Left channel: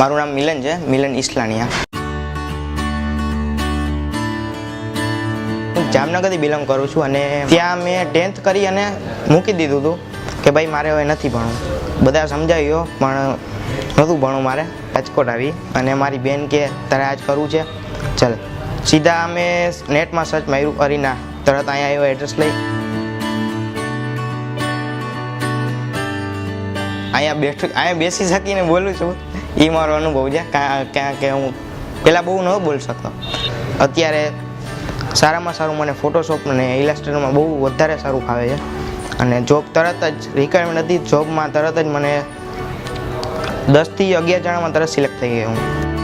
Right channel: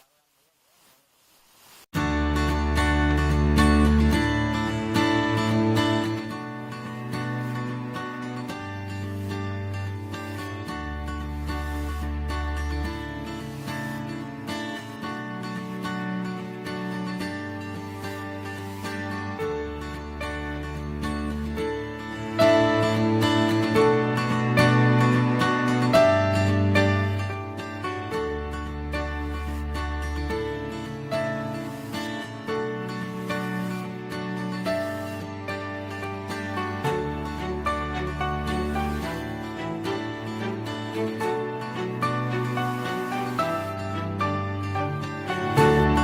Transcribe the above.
મારું નામ મિલન છે, મિલન ઈસલાણીયા. હું જામનગરથી બિલોંગ કરું છું અને ત્યાં મેં 10th કરી અને મૂકી દીધું હતું કે ભાઈ મારે હવે નથી ભણવું. બધા સમજાવ્યો પણ નહોતું ભણવું મારે. રાજકોટ આવી અને મારી બેન કે તારે આજ કરવું છે, ચાલ. સીધા અમે નેટમાં સર્ચ માર્યું કરીને તરત અહીંયા આવ્યો, એડ્રેસ લઈ અહીંયા બેસી શકીને બોલું છું. એ મારો અનુભવ છે. ક્યાં કે હું પહેલાં બહુ ન બોલી શકતો. અત્યારે સારામાં સારું મને ફોટોશોપ અને ઇલાસ્ટ્રેટરમાં બહુ વધારે સારું ફાવે છે. અને જોબ તરત જ રિક્વાયરમેન્ટ હતી, જોબમાં તરત જ મને 10 થી 11 જણામાં તરત સિલેક્ટ થઈ ગયો હું.